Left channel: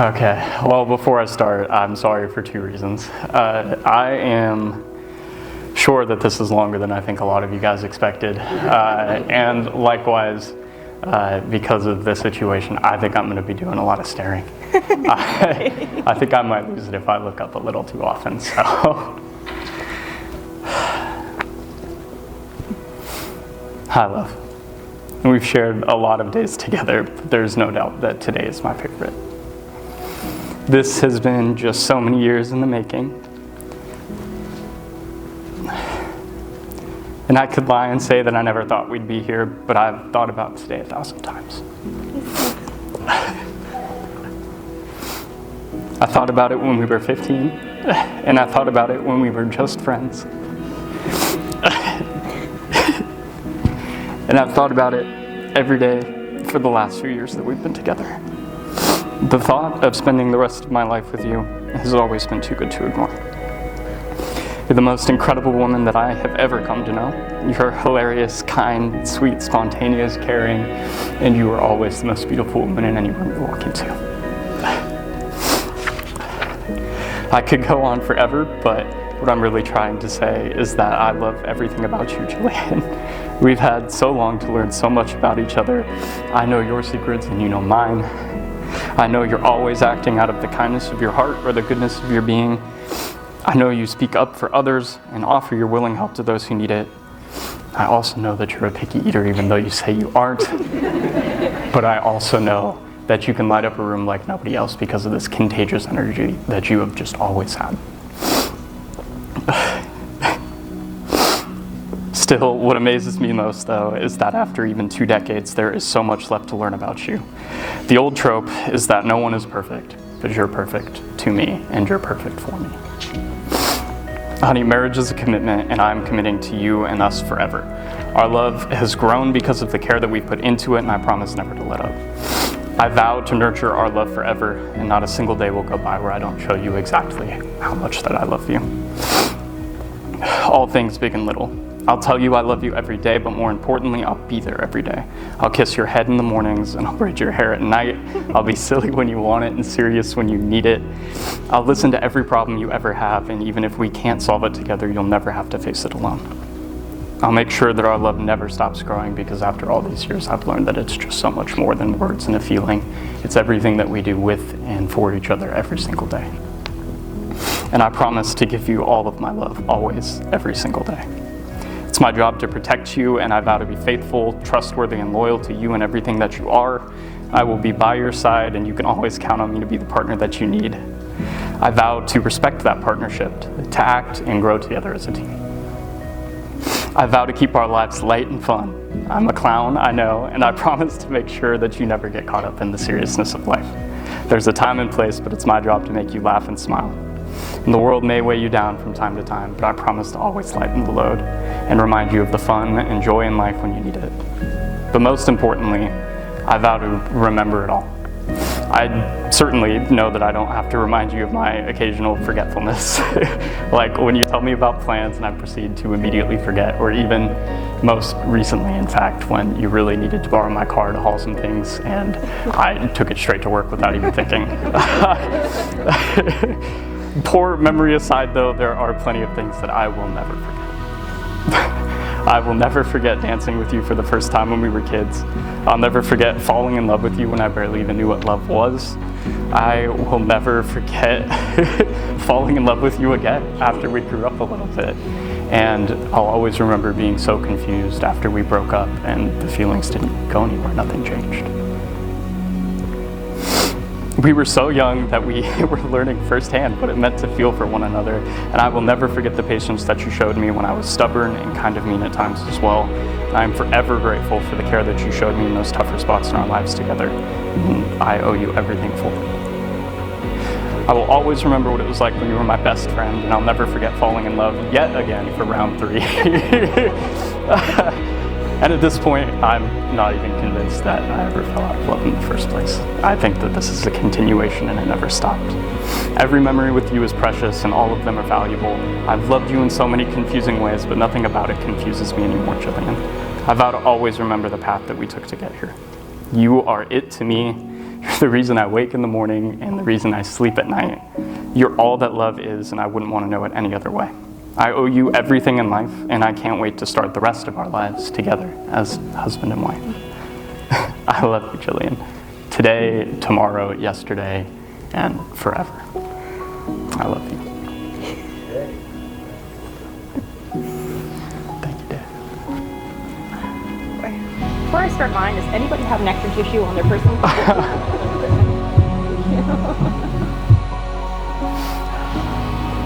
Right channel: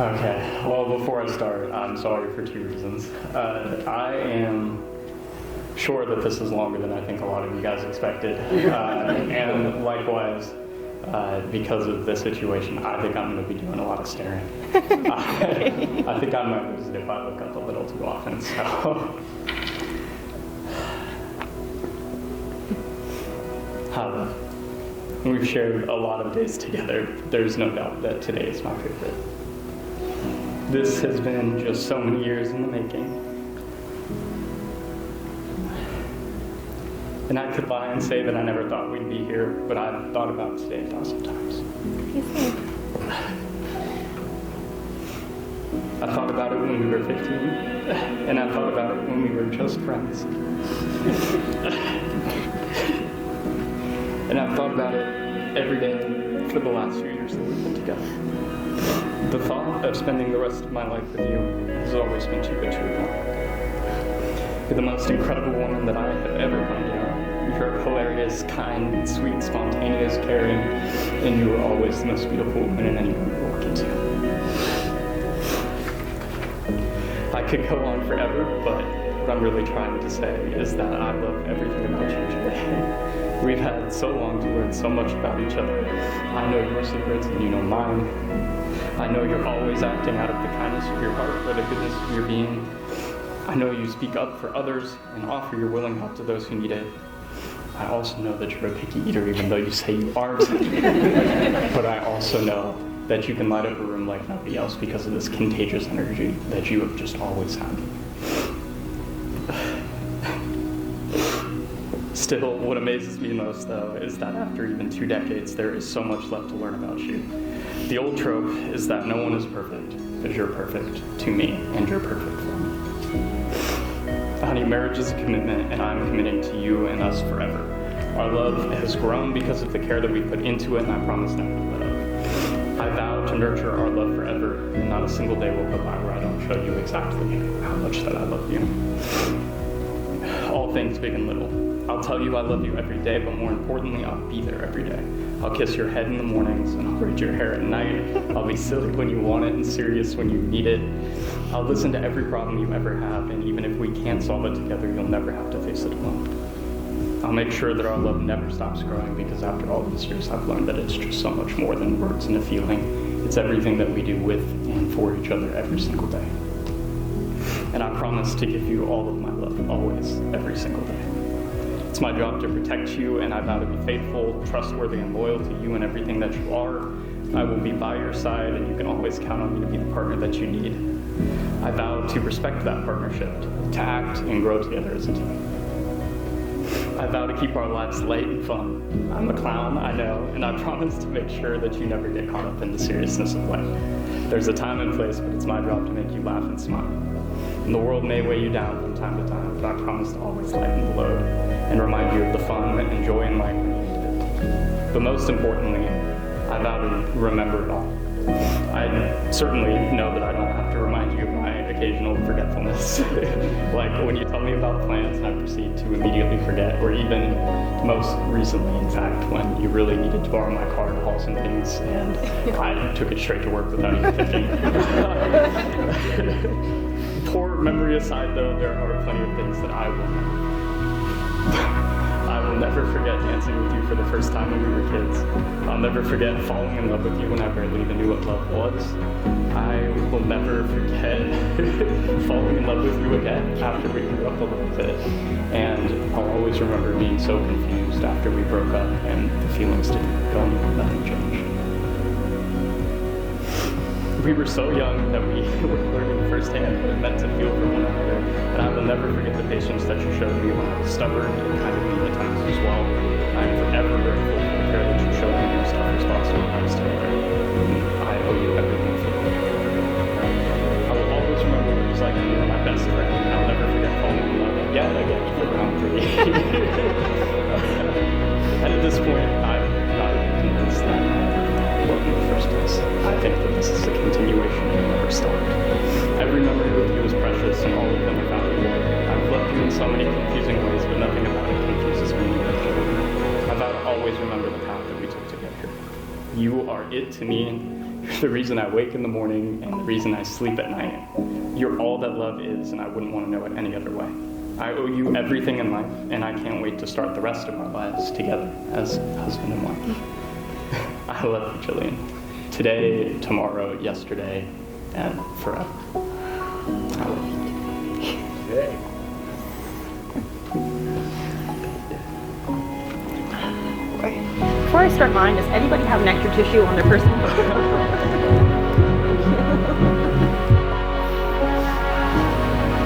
Okay, well, before I start, I'm sorry for two reasons. I am sure that this is longer than I think a lot of you guys expected. And likewise, because of this situation, I think I'm going to be doing a lot of staring. I think I might lose it if I look up a little too often, so. Hi, love. We've shared a lot of days together, but there's no doubt that today is my favorite. This has been just so many years in the making. And I could lie and say that I never thought we'd be here, but I've thought about today 1,000 times. I thought about it when we were 15, and I thought about it when we were just friends. And I've thought about it every day for the last few years that we've been together. The thought of spending the rest of my life with you has always been too good to ignore. You're the most incredible woman that I have ever come to know. You're hilarious, kind, sweet, spontaneous, caring, and you are always the most beautiful woman in any room you walk into. I could go on forever, but what I'm really trying to say is that I love everything about you, Julian. We've had so long to learn so much about each other. I know your secrets and you know mine. I know you're always acting out of the kindness of your heart or the goodness of your being. I know you speak up for others and offer your willing help to those who need it. I also know that you're a picky eater, even though you say you aren't. But I also know that you can light up a room like nobody else because of this contagious energy that you have just always had. Still, what amazes me most, though, is that after even 2 decades, there is so much left to learn about you. The old trope is that no one is perfect, but you're perfect to me, and you're perfect for me. Honey, marriage is a commitment, and I'm committing to you and us forever. Our love has grown because of the care that we put into it, and I promise never to let up. I vow to nurture our love forever, and not a single day will go by where I don't show you exactly how much that I love you. All things big and little. I'll tell you I love you every day, but more importantly, I'll be there every day. I'll kiss your head in the mornings, and I'll braid your hair at night. I'll be silly when you want it and serious when you need it. I'll listen to every problem you ever have, and even if we can't solve it together, you'll never have to face it alone. I'll make sure that our love never stops growing, because after all these years, I've learned that it's just so much more than words and a feeling. It's everything that we do with and for each other every single day. And I promise to give you all of my love, always, every single day. It's my job to protect you, and I vow to be faithful, trustworthy, and loyal to you and everything that you are. I will be by your side, and you can always count on me to be the partner that you need. I vow to respect that partnership, to act and grow together as a team. I vow to keep our lives light and fun. I'm a clown, I know, and I promise to make sure that you never get caught up in the seriousness of life. There's a time and place, but it's my job to make you laugh and smile. And the world may weigh you down from time to time, but I promise to always lighten the load and remind you of the fun and joy in life when you need it. But most importantly, I vow to remember it all. I certainly know that I don't have to remind you of my occasional forgetfulness. Like when you tell me about plans and I proceed to immediately forget, or even most recently, in fact, when you really needed to borrow my car to haul some things and I took it straight to work without even thinking. Poor memory aside, though, there are plenty of things that I will never forget. I will never forget dancing with you for the first time when we were kids. I'll never forget falling in love with you when I barely even knew what love was. I will never forget falling in love with you again after we grew up a little bit. And I'll always remember being so confused after we broke up and the feelings didn't go anywhere, nothing changed. We were so young that we were learning firsthand what it meant to feel for one another, and I will never forget the patience that you showed me when I was stubborn and kind of mean at times as well. I am forever grateful for the care that you showed me in those tougher spots in our lives together. I owe you everything for it. I will always remember what it was like when you were my best friend, and I'll never forget falling in love yet again for round 3. And at this point, I'm not even convinced that I ever fell out of love in the first place. I think that this is a continuation and it never stopped. Every memory with you is precious and all of them are valuable. I've loved you in so many confusing ways, but nothing about it confuses me anymore, Julian. I vow to always remember the path that we took to get here. You are it to me. You're the reason I wake in the morning and the reason I sleep at night. You're all that love is, and I wouldn't want to know it any other way. I owe you everything in life, and I can't wait to start the rest of our lives together as husband and wife. I love you, Jillian. Today, tomorrow, yesterday, and forever. I love you. Before I start mine, does anybody have nectar tissue on their person?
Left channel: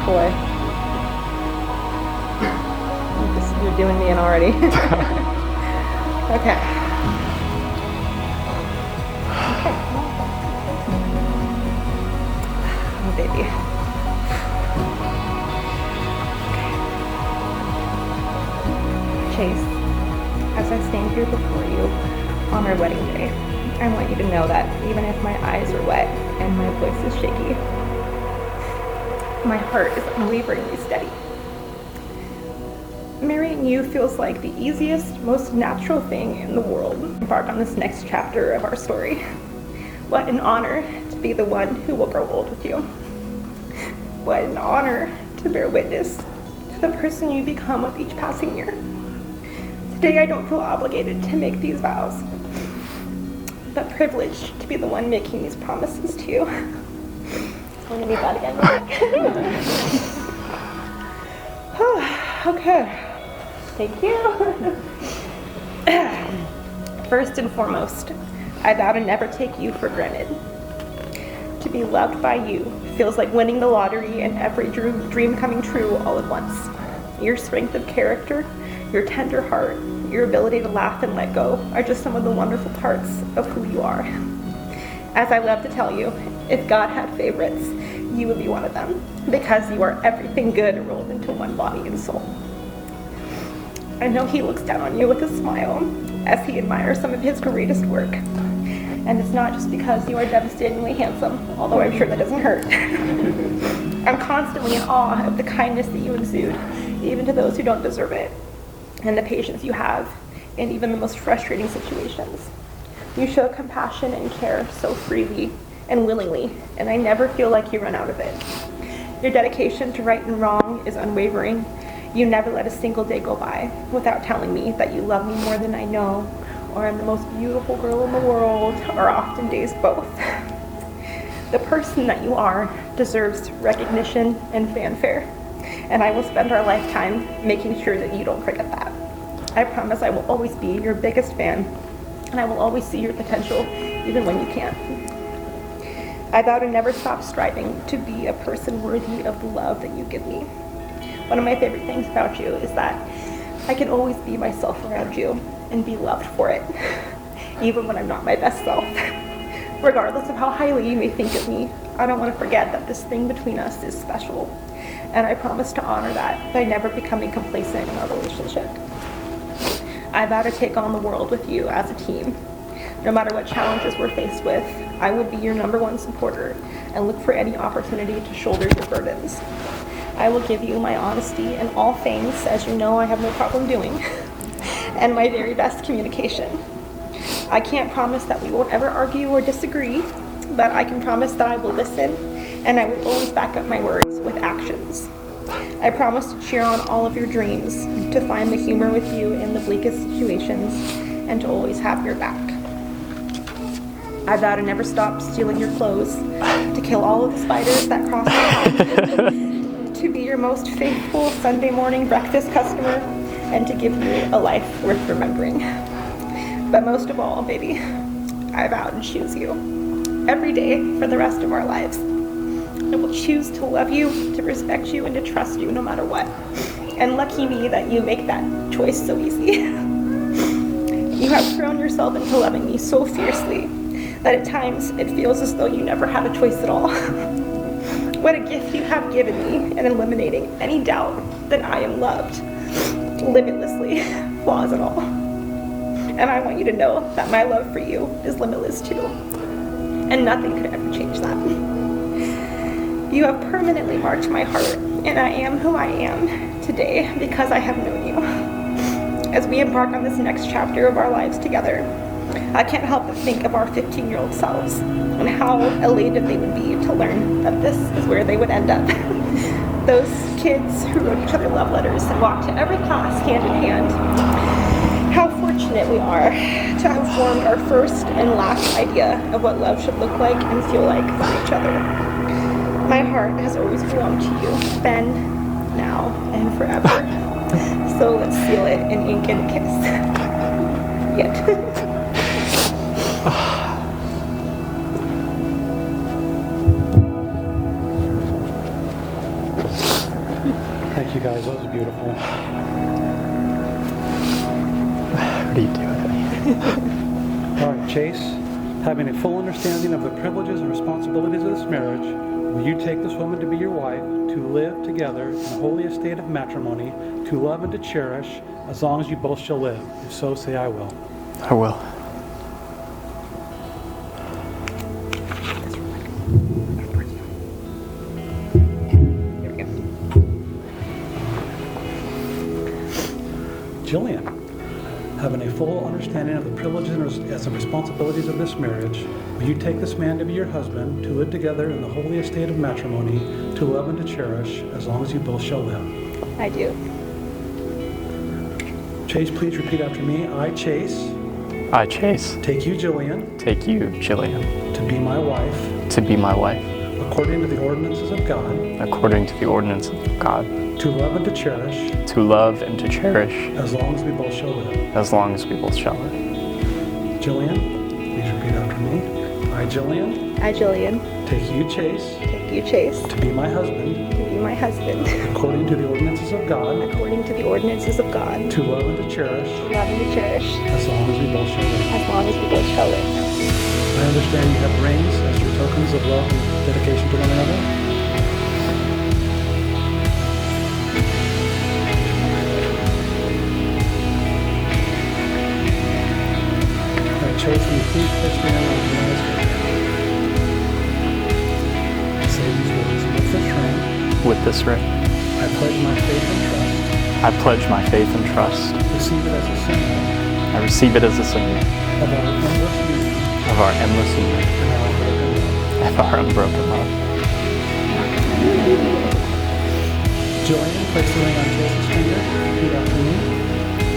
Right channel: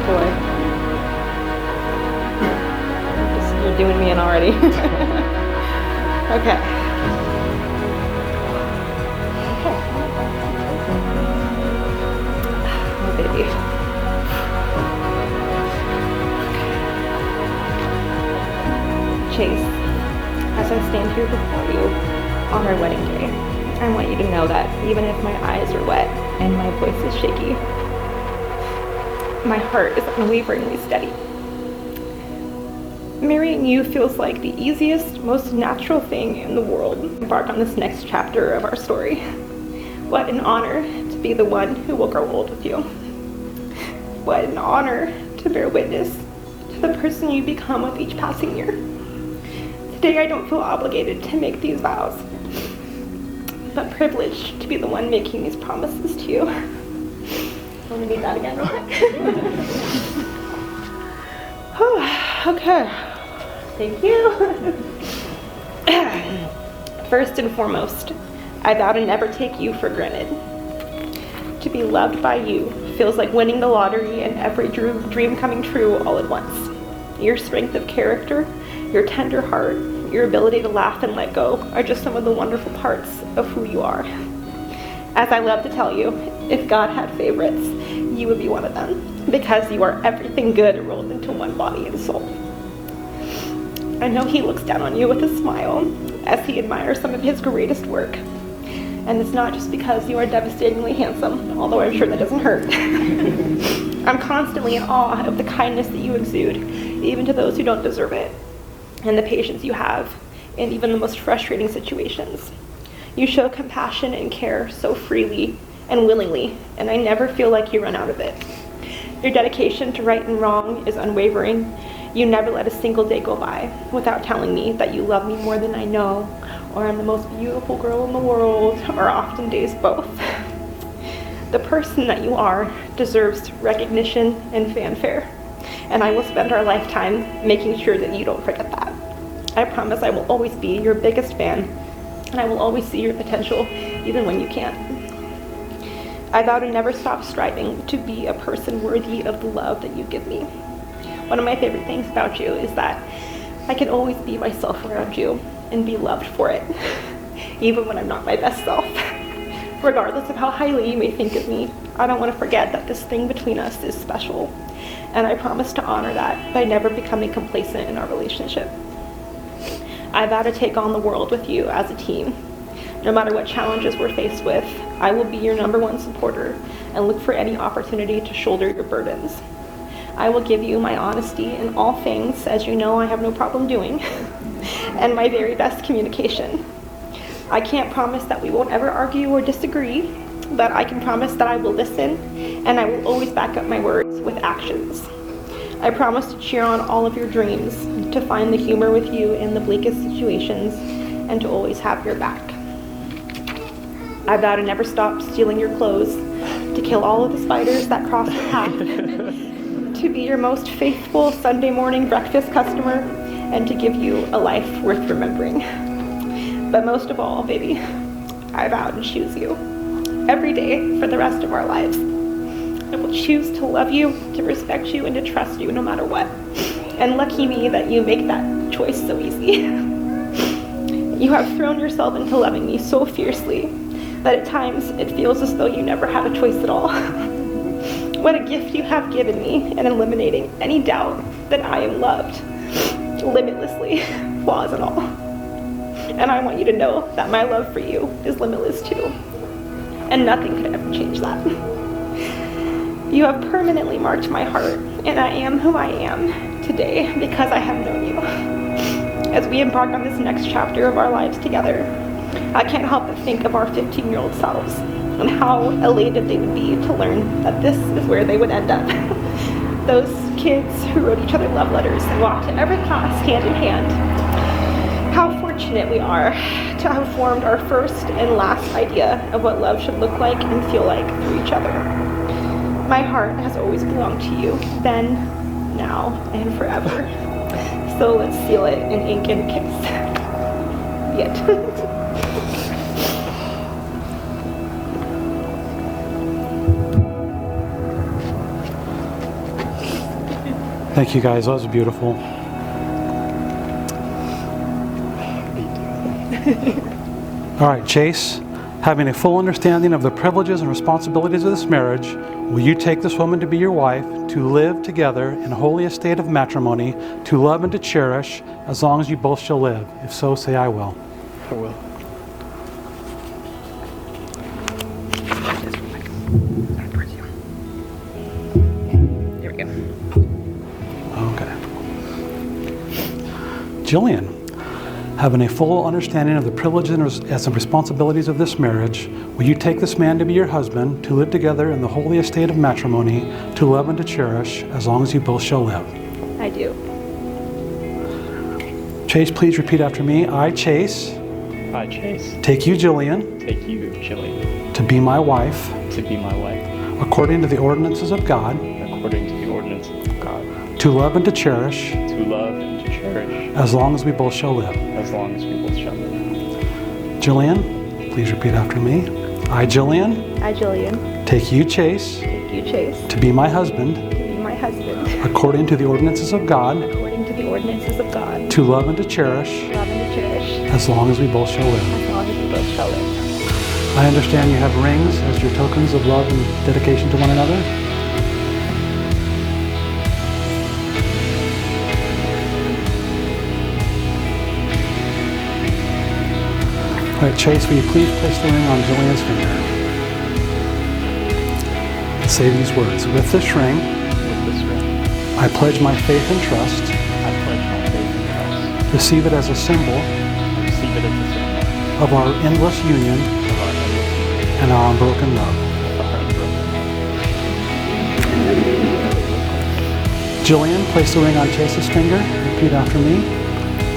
Boy. You're doing me in already. Okay. Oh, baby. Chase, as I stand here before you on our wedding day, I want you to know that even if my eyes are wet and my voice is shaky, my heart is unwaveringly steady. Marrying you feels like the easiest, most natural thing in the world. Embark on this next chapter of our story. What an honor to be the one who will grow old with you. What an honor to bear witness to the person you become with each passing year. Today I don't feel obligated to make these vows, but privileged to be the one making these promises to you. I'm gonna do that again. Okay. Thank you. First and foremost, I vow to never take you for granted. To be loved by you feels like winning the lottery and every dream coming true all at once. Your strength of character, your tender heart, your ability to laugh and let go are just some of the wonderful parts of who you are. As I love to tell you, if God had favorites, you would be one of them, because you are everything good rolled into one body and soul. I know he looks down on you with a smile as he admires some of his greatest work. And it's not just because you are devastatingly handsome, although I'm sure that doesn't hurt. I'm constantly in awe of the kindness that you exude, even to those who don't deserve it, and the patience you have in even the most frustrating situations. You show compassion and care so freely and willingly, and I never feel like you run out of it. Your dedication to right and wrong is unwavering. You never let a single day go by without telling me that you love me more than I know, or I'm the most beautiful girl in the world, or often days both. The person that you are deserves recognition and fanfare, and I will spend our lifetime making sure that you don't forget that. I promise I will always be your biggest fan, and I will always see your potential even when you can't. I vow to never stop striving to be a person worthy of the love that you give me. One of my favorite things about you is that I can always be myself around you and be loved for it, even when I'm not my best self. Regardless of how highly you may think of me, I don't want to forget that this thing between us is special, and I promise to honor that by never becoming complacent in our relationship. I vow to take on the world with you as a team. No matter what challenges we're faced with, I will be your #1 supporter and look for any opportunity to shoulder your burdens. I will give you my honesty in all things, as you know I have no problem doing, and my very best communication. I can't promise that we won't ever argue or disagree, but I can promise that I will listen, and I will always back up my words with actions. I promise to cheer on all of your dreams, to find the humor with you in the bleakest situations, and to always have your back. I vow to never stop stealing your clothes, to kill all of the spiders that cross the path, to be your most faithful Sunday morning breakfast customer, and to give you a life worth remembering. But most of all, baby, I vow to choose you every day for the rest of our lives. I will choose to love you, to respect you, and to trust you no matter what. And lucky me that you make that choice so easy. You have thrown yourself into loving me so fiercely that at times it feels as though you never had a choice at all. What a gift you have given me in eliminating any doubt that I am loved, limitlessly, flaws and all. And I want you to know that my love for you is limitless too, and nothing could ever change that. You have permanently marked my heart, and I am who I am today because I have known you. As we embark on this next chapter of our lives together, I can't help but think of our 15-year-old selves, and how elated they would be to learn that this is where they would end up. Those kids who wrote each other love letters and walked to every class hand in hand. How fortunate we are to have formed our first and last idea of what love should look like and feel like for each other. My heart has always belonged to you, then, now, and forever. So let's seal it in ink and a kiss. Yet. Thank you guys, that was beautiful. What are you doing? All right, Chase, having a full understanding of the privileges and responsibilities of this marriage, will you take this woman to be your wife, to live together in a holy estate of matrimony, to love and to cherish, as long as you both shall live? If so, say I will. I will. Here we go. Okay. Jillian, having a full understanding of the privileges and responsibilities of this marriage, will you take this man to be your husband, to live together in the holy estate of matrimony, to love and to cherish, as long as you both shall live? I do. Chase, please repeat after me. I, Chase, take you, Jillian, to be my wife, according to the ordinances of God, to love and to cherish, as long as we both shall live. Jillian, please repeat after me. I, Jillian, take you, Chase, to be my husband, according to the ordinances of God, to love and to cherish, as long as we both shall live. I understand you have rings as your tokens of love and dedication to one another. All right, Chase, will you please place the ring on Jillian's finger? Say these words. With this ring, I pledge my faith and trust. Receive it as a symbol of our endless union and our unbroken love. Jillian, place the ring on Chase's finger. Repeat after me.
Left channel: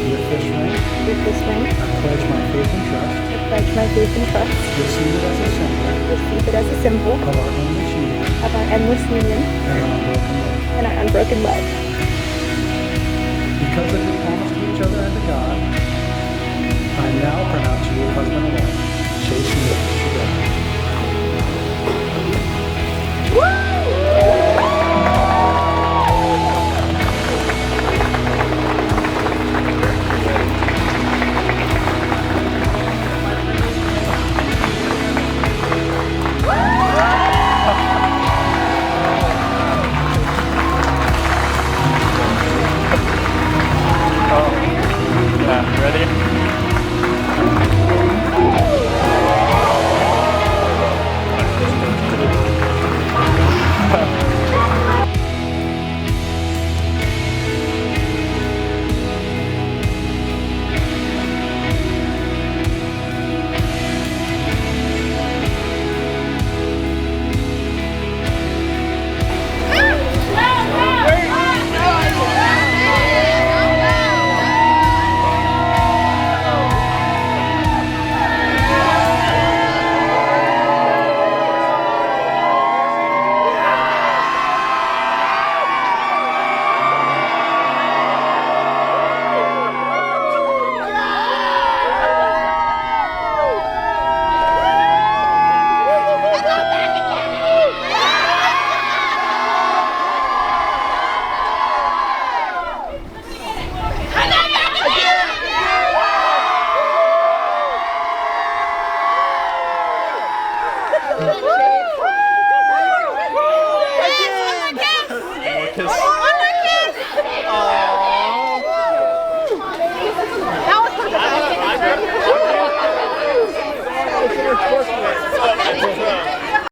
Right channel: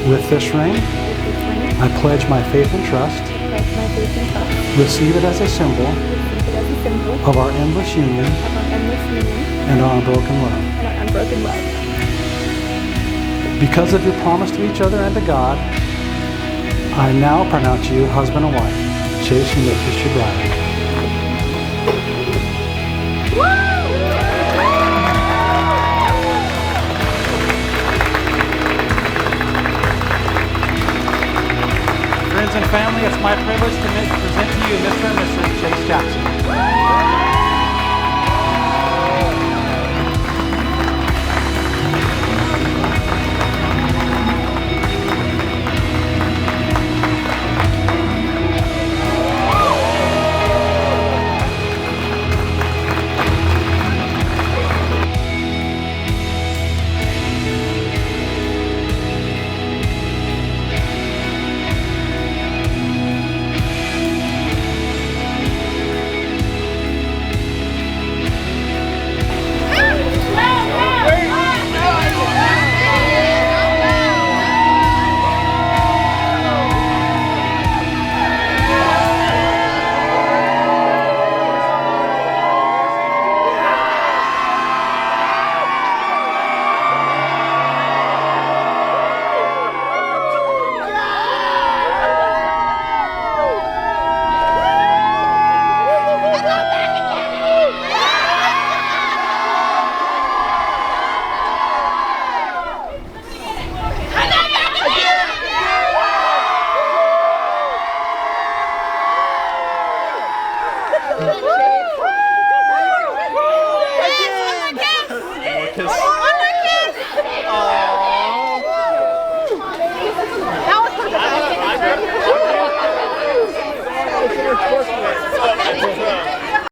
With this ring, I pledge my faith and trust. Receive it as a symbol of our endless union and our unbroken love. Because of your promise to each other and to God, I now pronounce you husband and wife. Chase, you may kiss your bride.